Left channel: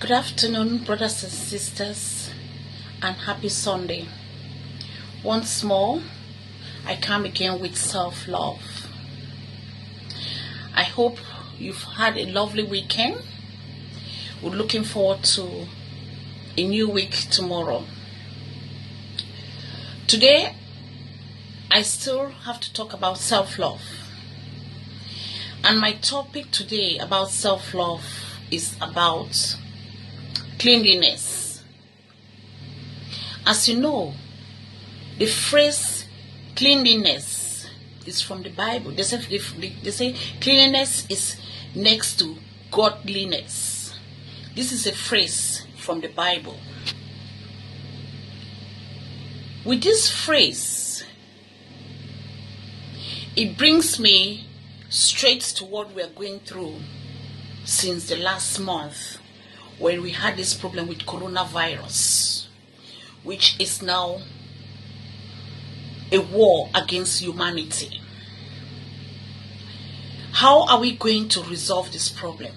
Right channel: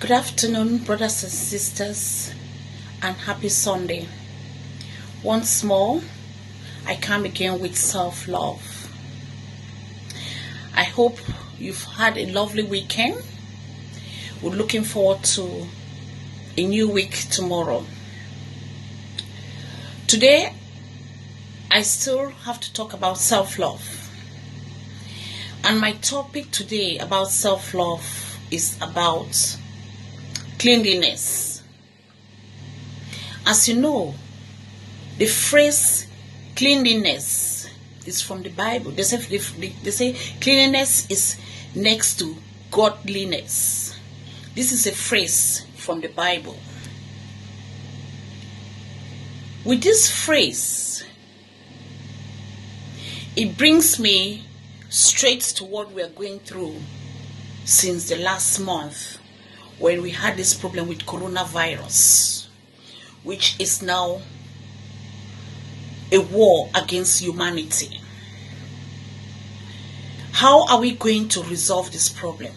Good afternoon, brothers and sisters, and happy Sunday. Once more, I come again with self-love. I hope you've had a lovely weekend. We're looking forward to a new week tomorrow. Today, I still have to talk about self-love. And my topic today about self-love is about cleanliness. As you know, the phrase cleanliness is from the Bible. They say cleanliness is next to godliness. This is a phrase from the Bible. With this phrase, it brings me straight to what we are going through since the last month, when we had this problem with coronavirus, which is now a war against humanity. How are we going to resolve this problem?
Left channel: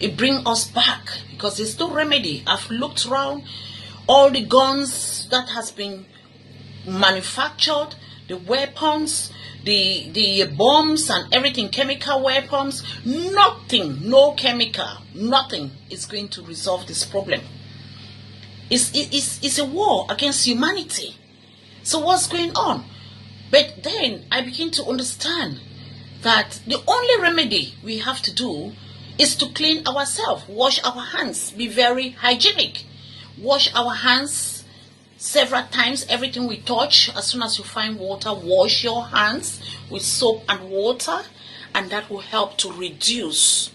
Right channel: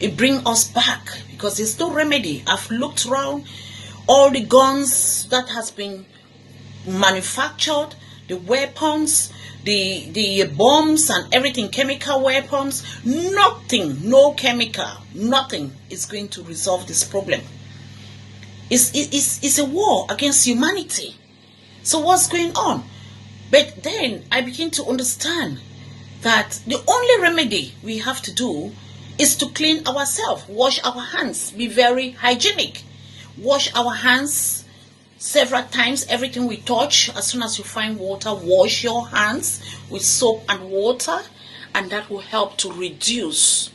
It brings us back because there's no remedy. I've looked around all the guns that has been manufactured, the weapons, the bombs and everything, chemical weapons, nothing, no chemical, nothing is going to resolve this problem. It's a war against humanity. So what's going on? But then I begin to understand that the only remedy we have to do is to clean ourselves, wash our hands, be very hygienic, wash our hands several times. Everything we touch, as soon as you find water, wash your hands with soap and water, and that will help to reduce.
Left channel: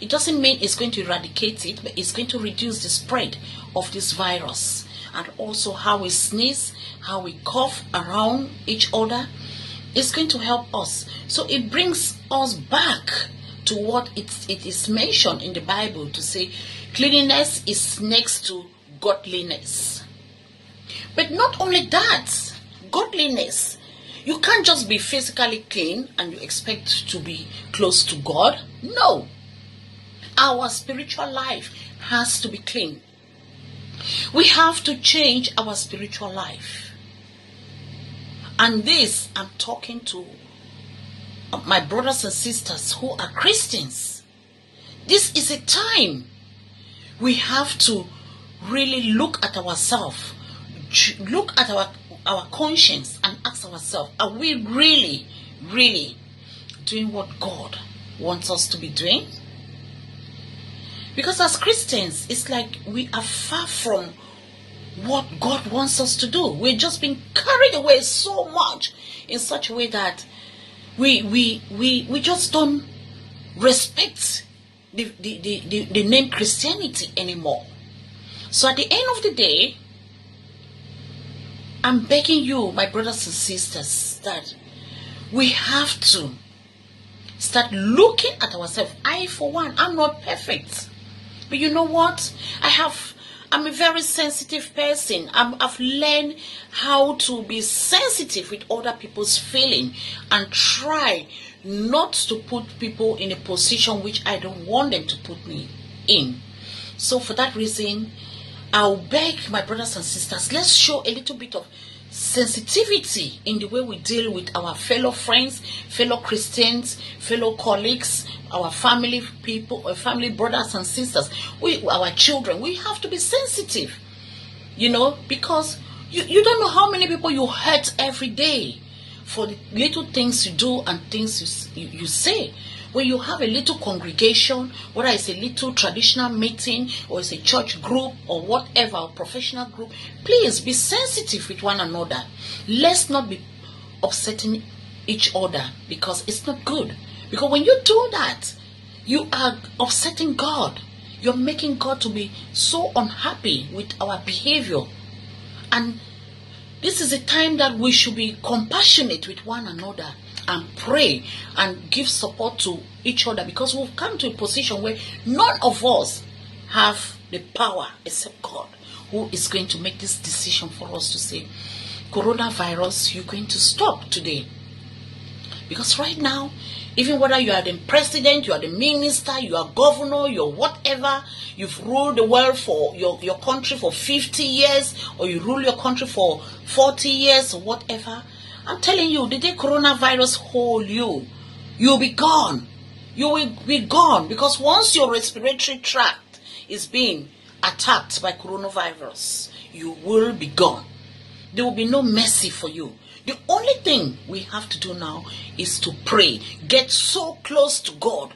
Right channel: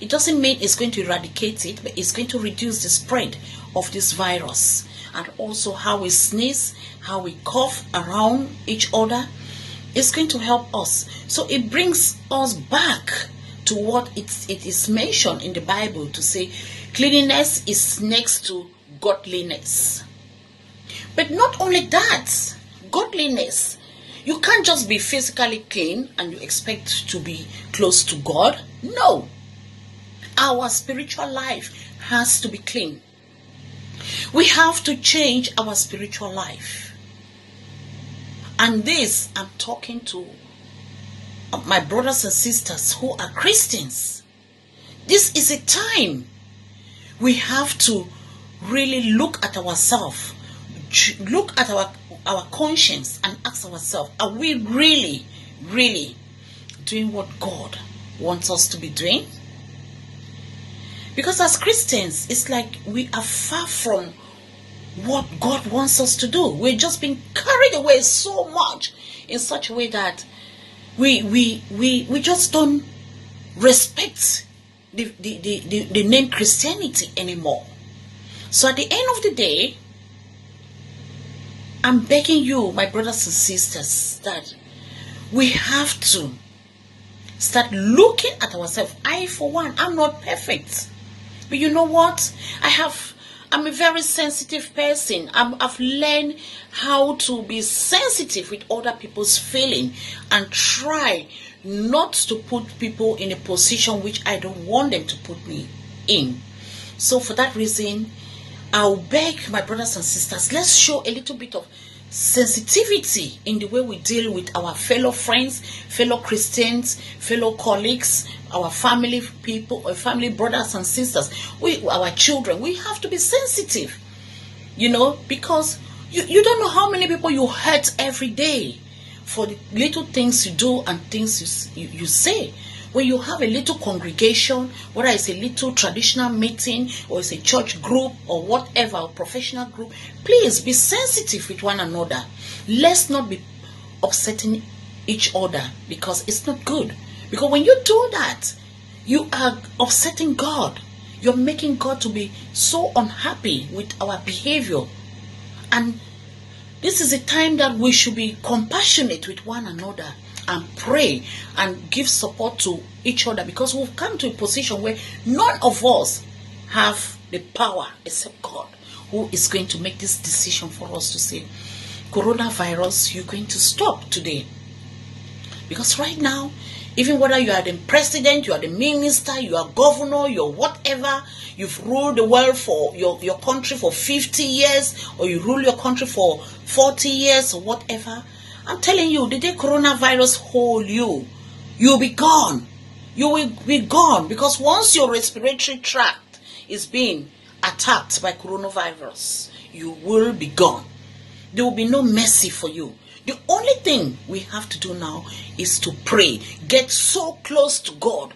It doesn't mean it's going to eradicate it, but it's going to reduce the spread of this virus. And also how we sneeze, how we cough around each other, it's going to help us. So it brings us back to what it is mentioned in the Bible to say cleanliness is next to godliness. But not only that, godliness. You can't just be physically clean and you expect to be close to God. No. Our spiritual life has to be clean. We have to change our spiritual life. And this, I'm talking to my brothers and sisters who are Christians. This is a time we have to really look at ourselves. Look at our conscience and ask ourselves, are we really doing what God wants us to be doing? Because as Christians, it's like we are far from what God wants us to do. We're just being carried away so much in such a way that we just don't respect the name Christianity anymore. So at the end of the day, I'm begging you, my brothers and sisters, that we have to start looking at ourselves. I, for one, I'm not perfect. But you know what? I'm a very sensitive person. I've learned how to be sensitive with other people's feeling and try not to put people in a position which I don't want them to put me in. So for that reason, I'll beg my brothers and sisters, let's show a little bit of sensitivity in the way we deal with our fellow friends, fellow Christians, fellow colleagues, our family people, our family brothers and sisters, our children. We have to be sensitive, because you don't know how many people you hurt every day for the little things you do and things you say. When you have a little congregation, whether it's a little traditional meeting or it's a church group or whatever, a professional group, please be sensitive with one another. Let's not be upsetting each other, because it's not good. Because when you do that, you are upsetting God. You're making God to be so unhappy with our behavior. And this is a time that we should be compassionate with one another and pray and give support to each other, because we've come to a position where none of us have the power except God, who is going to make this decision for us to say, coronavirus, you're going to stop today. Because right now, Even whether you are the president, you are the minister, you are governor, you're whatever, you've ruled the world for your country for 50 years, or you rule your country for 40 years, or whatever. I'm telling you, the day coronavirus hold you, you'll be gone. You will be gone, because once your respiratory tract is being attacked by coronavirus, you will be gone. There will be no mercy for you. The only thing we have to do now is to pray. Get so close to God